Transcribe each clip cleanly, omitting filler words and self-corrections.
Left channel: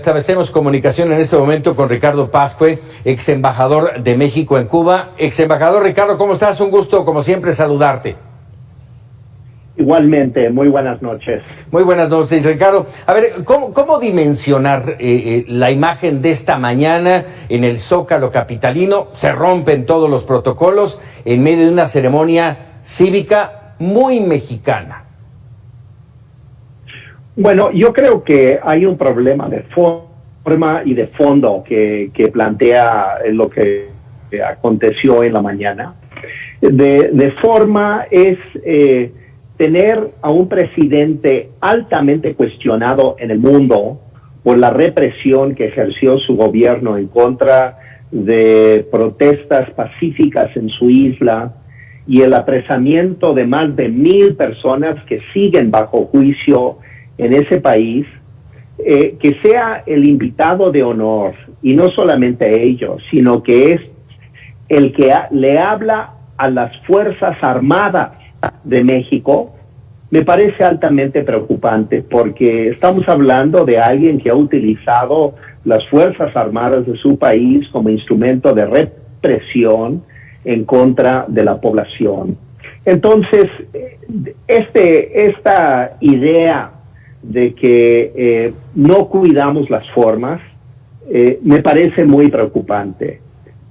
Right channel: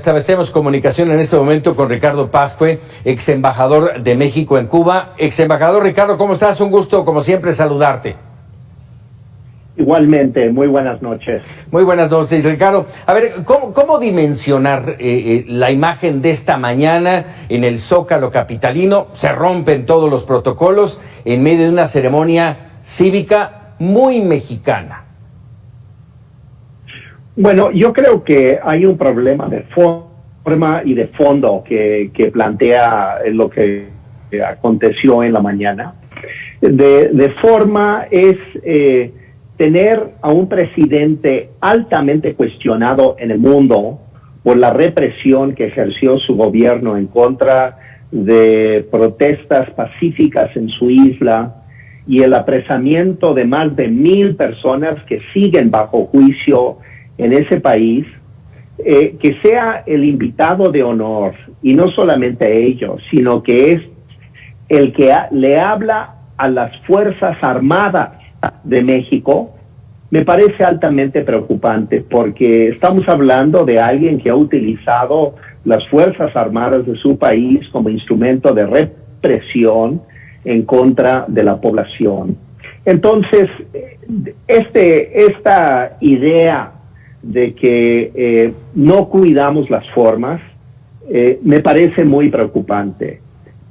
Establecemos comunicación en este momento con Ricardo Pascue, ex embajador de México en Cuba. Ex embajador Ricardo, ¿cómo estás? Un gusto, como siempre, saludarte. Igualmente, muy buenas noches. Muy buenas noches, Ricardo. A ver, ¿cómo dimensionar la imagen de esta mañana en el Zócalo capitalino? Se rompen todos los protocolos en medio de una ceremonia cívica muy mexicana. Bueno, yo creo que hay un problema de forma y de fondo que plantea lo que aconteció en la mañana. De forma es tener a un presidente altamente cuestionado en el mundo por la represión que ejerció su gobierno en contra de protestas pacíficas en su isla y el apresamiento de más de 1,000 personas que siguen bajo juicio en ese país, que sea el invitado de honor, y no solamente ellos, sino que es el que le habla a las Fuerzas Armadas de México, me parece altamente preocupante, porque estamos hablando de alguien que ha utilizado las Fuerzas Armadas de su país como instrumento de represión en contra de la población. Entonces, esta idea de que no cuidamos las formas, me parece muy preocupante,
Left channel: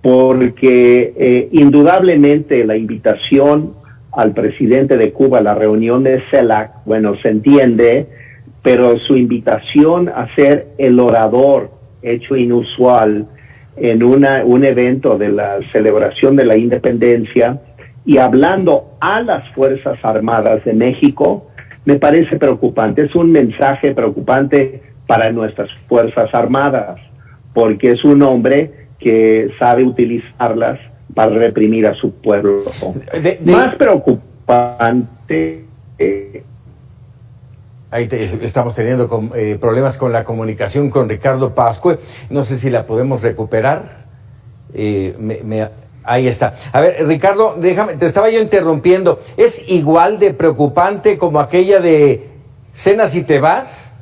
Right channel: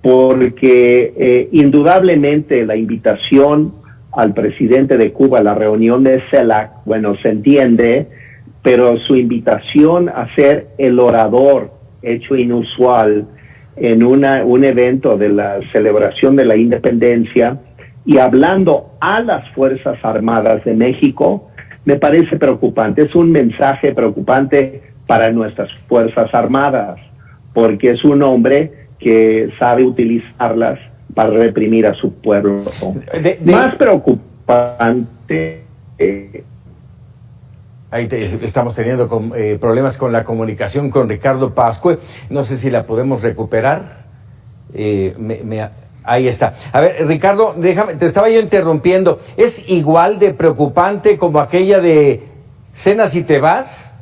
porque indudablemente la invitación al presidente de Cuba a la reunión de CELAC, bueno, se entiende, pero su invitación a ser el orador, hecho inusual, en un evento de la celebración de la independencia y hablando a las Fuerzas Armadas de México, me parece preocupante. Es un mensaje preocupante para nuestras Fuerzas Armadas, porque es un hombre que sabe utilizarlas para reprimir a su pueblo. Más preocupante... Estamos teniendo problemas con la comunicación con Ricardo Pascue. No sé si la podemos recuperar. Ahí está. A ver, Ricardo, déjame, te estaba yo interrumpiendo. ¿Es igual de preocupante como aquella de cenas y te vas?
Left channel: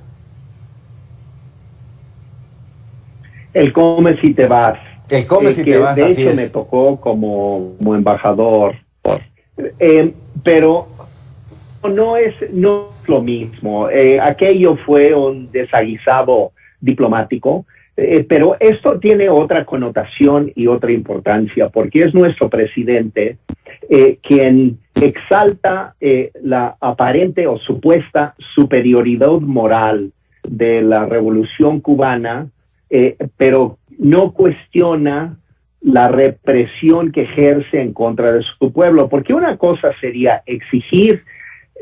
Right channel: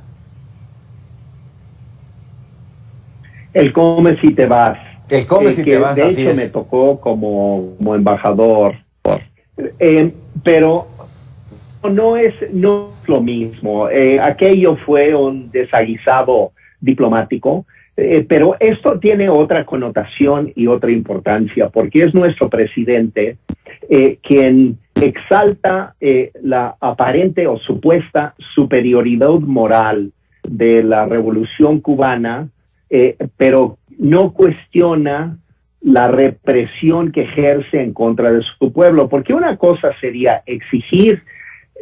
El come si te vas. El come si te vas, de así hecho es. me tocó como embajador. Pero no es lo mismo. Aquello fue un desaguisado diplomático. Pero esto tiene otra connotación y otra importancia, porque es nuestro presidente quien exalta la aparente o supuesta superioridad moral de la revolución cubana, pero no cuestiona la represión que ejerce en contra de su pueblo, porque una cosa sería exigir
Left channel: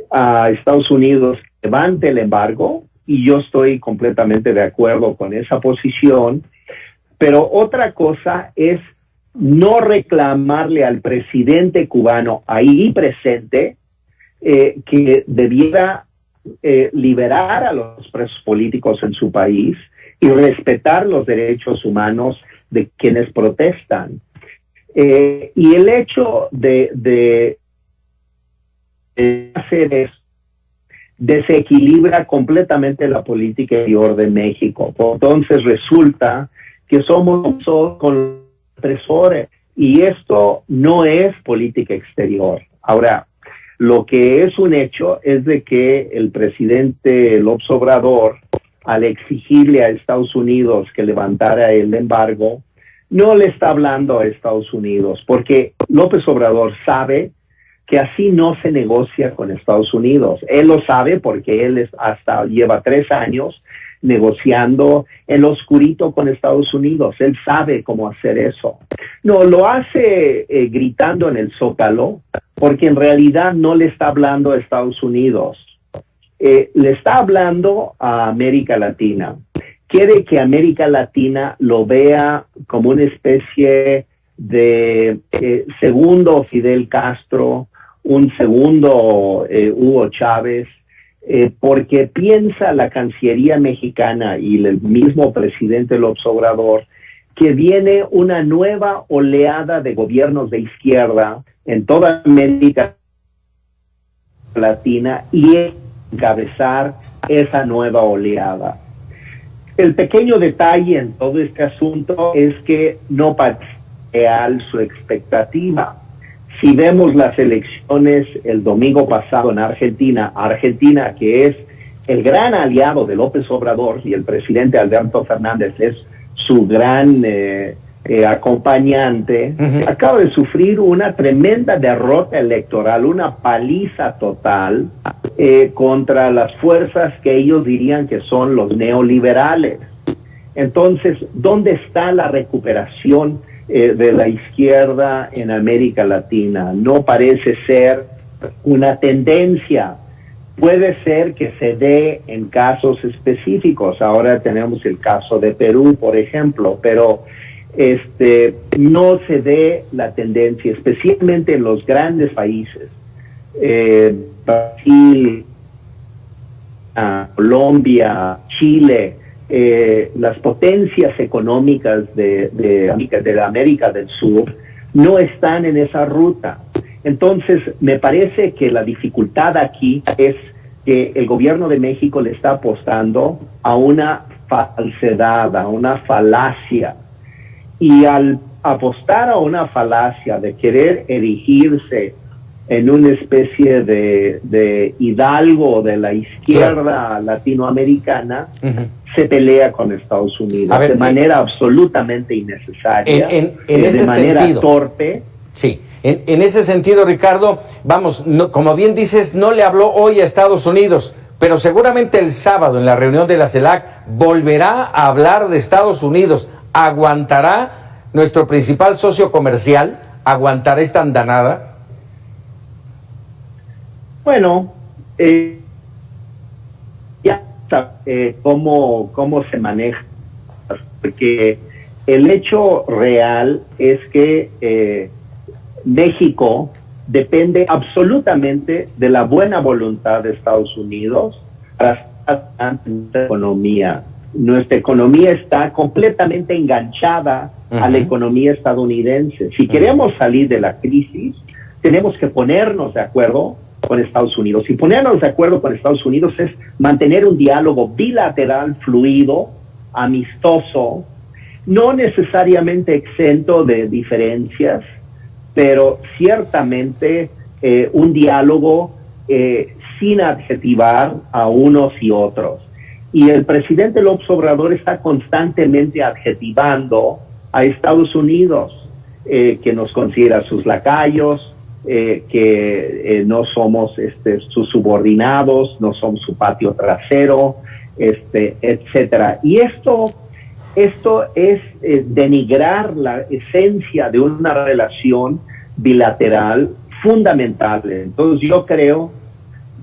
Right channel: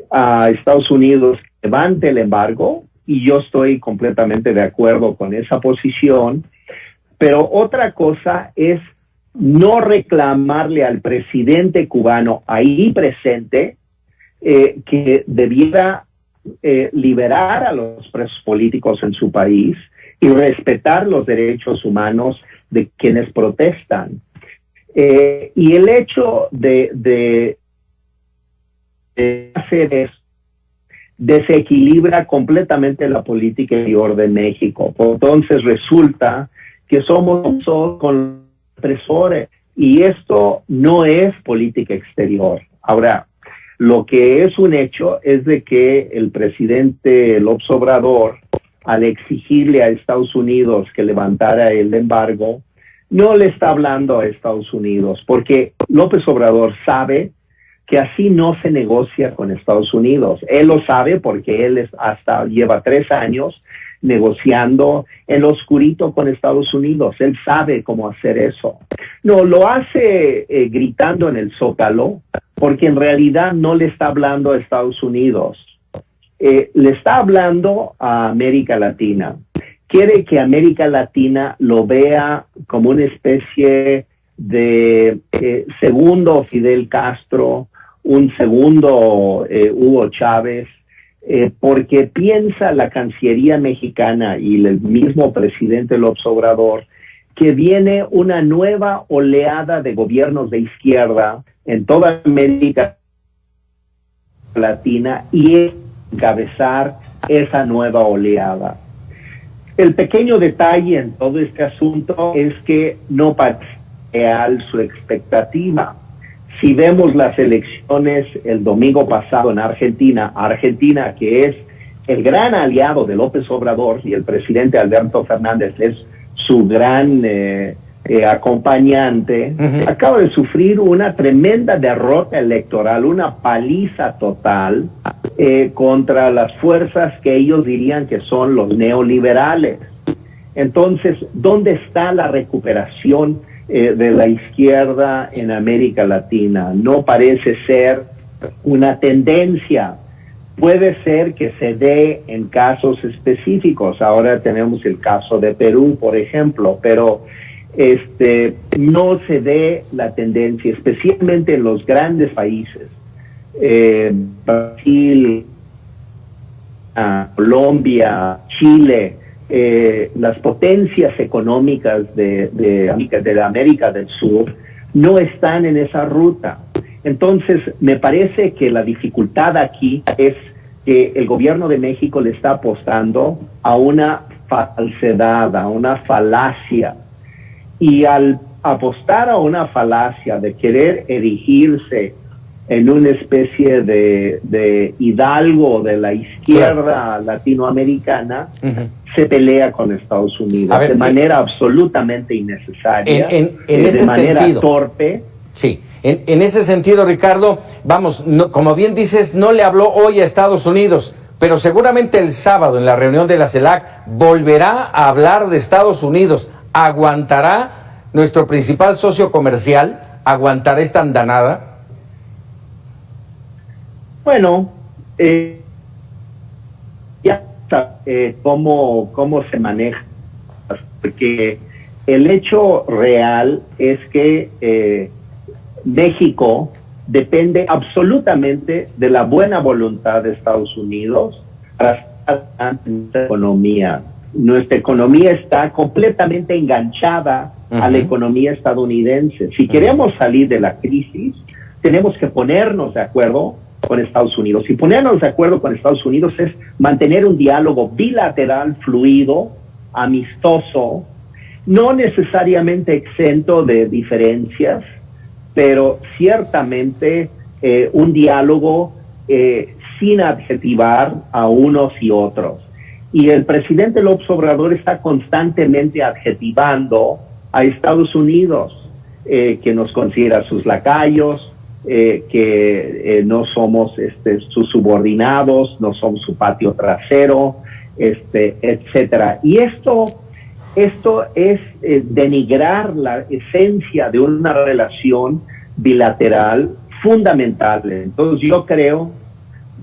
a Estados Unidos que levante el embargo, y yo estoy completamente de acuerdo con esa posición, pero otra cosa es no reclamarle al presidente cubano ahí presente que debiera liberar a los presos políticos en su país y respetar los derechos humanos de quienes protestan. Y el hecho de hacer eso desequilibra completamente la política exterior de México. Entonces resulta que somos con opresores y esto no es política exterior. Ahora, lo que es un hecho es de que el presidente López Obrador, al exigirle a Estados Unidos que levantara el embargo, no le está hablando a Estados Unidos, porque López Obrador sabe que así no se negocia con Estados Unidos. Él lo sabe porque él lleva 3 años negociando en lo oscurito con Estados Unidos. Él sabe cómo hacer eso. No, lo hace gritando en el Zócalo, porque en realidad no le está hablando a Estados Unidos. Le está hablando a América Latina. Quiere que América Latina lo vea como una especie de segundo Fidel Castro, un segundo Hugo Chávez, porque piensa la Cancillería mexicana y el mismo presidente López Obrador que viene una nueva oleada de gobiernos de izquierda en toda América Latina y encabezar esa nueva oleada. El pequeño detalle en todo este asunto es que no parece real su expectativa. Si vemos las elecciones el domingo pasado en Argentina que es el gran aliado de López Obrador y el presidente Alberto Fernández es su gran acompañante, acaba de sufrir una tremenda derrota electoral, una paliza total contra las fuerzas que ellos dirían que son los neoliberales. Entonces, ¿dónde está la recuperación de la izquierda en América Latina? No parece ser una tendencia. Puede ser que se dé en casos específicos. Ahora tenemos el caso de Perú, por ejemplo, pero no se dé la tendencia, especialmente en los grandes países, Brasil, Colombia, Chile, las potencias económicas de América del Sur no están en esa ruta. Entonces, me parece que la dificultad aquí es que el gobierno de México le está apostando a una falsedad, a una falacia. Y al apostar a una falacia de querer erigirse en una especie de hidalgo de la izquierda latinoamericana, se pelea con Estados Unidos de manera absolutamente innecesaria, de manera torpe. Sí. En ese sentido, Ricardo, vamos, como bien dices, no le habló hoy a Estados Unidos, pero seguramente el sábado en la reunión de la CELAC volverá a hablar de Estados Unidos. ¿Aguantará nuestro principal socio comercial? ¿Aguantará esta andanada? Bueno, ya está cómo se maneja, porque el hecho real es que México depende absolutamente de la buena voluntad de Estados Unidos para nuestra economía. Nuestra economía está completamente enganchada a la economía estadounidense. Si queremos salir de la crisis, tenemos que ponernos de acuerdo con Estados Unidos. Y ponernos de acuerdo con Estados Unidos es mantener un diálogo bilateral, fluido, amistoso, no necesariamente exento de diferencias, pero ciertamente un diálogo sin adjetivar a unos y otros. Y el presidente López Obrador está constantemente adjetivando a Estados Unidos, que nos considera sus lacayos, que no somos sus subordinados, no somos su patio trasero, etcétera. Y esto es denigrar la esencia de una relación bilateral fundamental. Entonces yo creo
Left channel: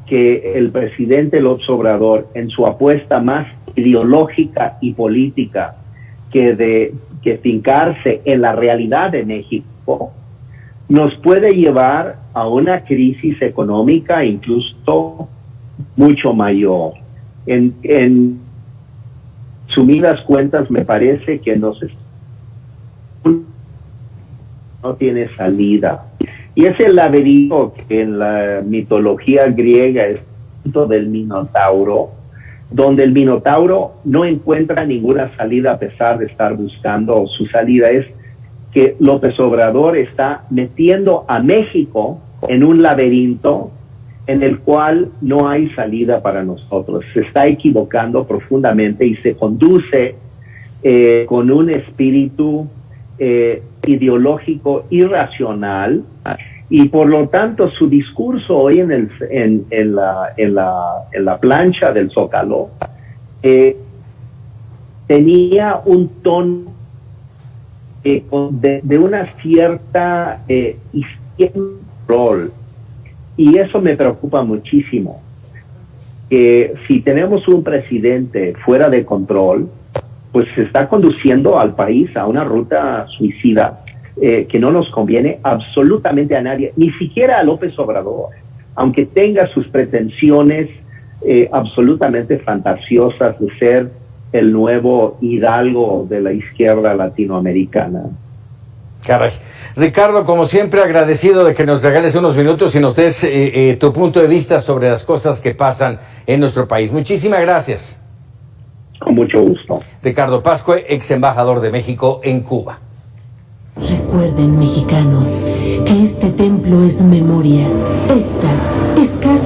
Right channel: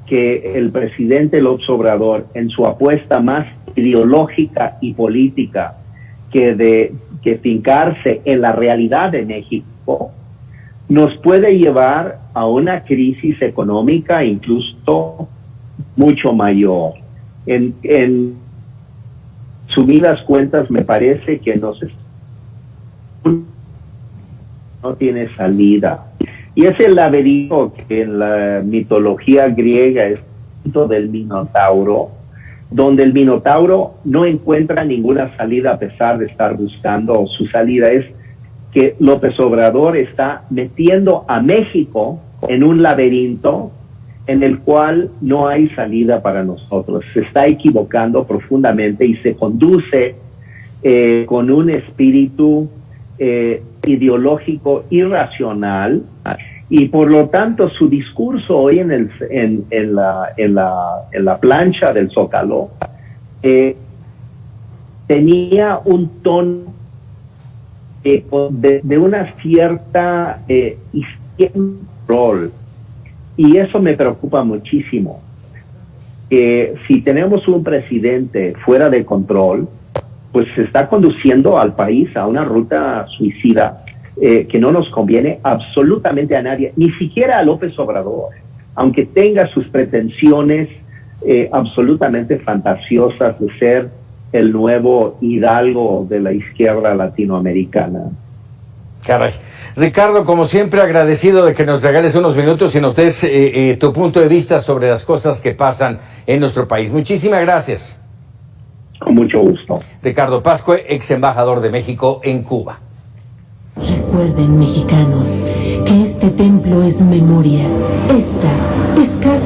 que el presidente López Obrador, en su apuesta más ideológica y política que fincarse en la realidad de México, nos puede llevar a una crisis económica incluso mucho mayor. En sumidas cuentas, me parece que no tiene salida. Y es el laberinto que en la mitología griega es del Minotauro, donde el Minotauro no encuentra ninguna salida a pesar de estar buscando su salida. Es que López Obrador está metiendo a México en un laberinto en el cual no hay salida para nosotros. Se está equivocando profundamente y se conduce con un espíritu ideológico irracional, y por lo tanto su discurso hoy en la plancha del Zócalo tenía un tono de una cierta izquierda, y eso me preocupa muchísimo. Si tenemos un presidente fuera de control, pues se está conduciendo al país a una ruta suicida que no nos conviene absolutamente a nadie, ni siquiera a López Obrador, aunque tenga sus pretensiones absolutamente fantasiosas de ser el nuevo hidalgo de la izquierda latinoamericana. Caray. Ricardo, como siempre, agradecido de que nos regales unos minutos y nos des tu punto de vista sobre las cosas que pasan en nuestro país. Muchísimas gracias. Con mucho gusto. Ricardo Pascue, ex embajador de México en Cuba. Recuerden, mexicanos, que este templo es memoria. Esta es casa.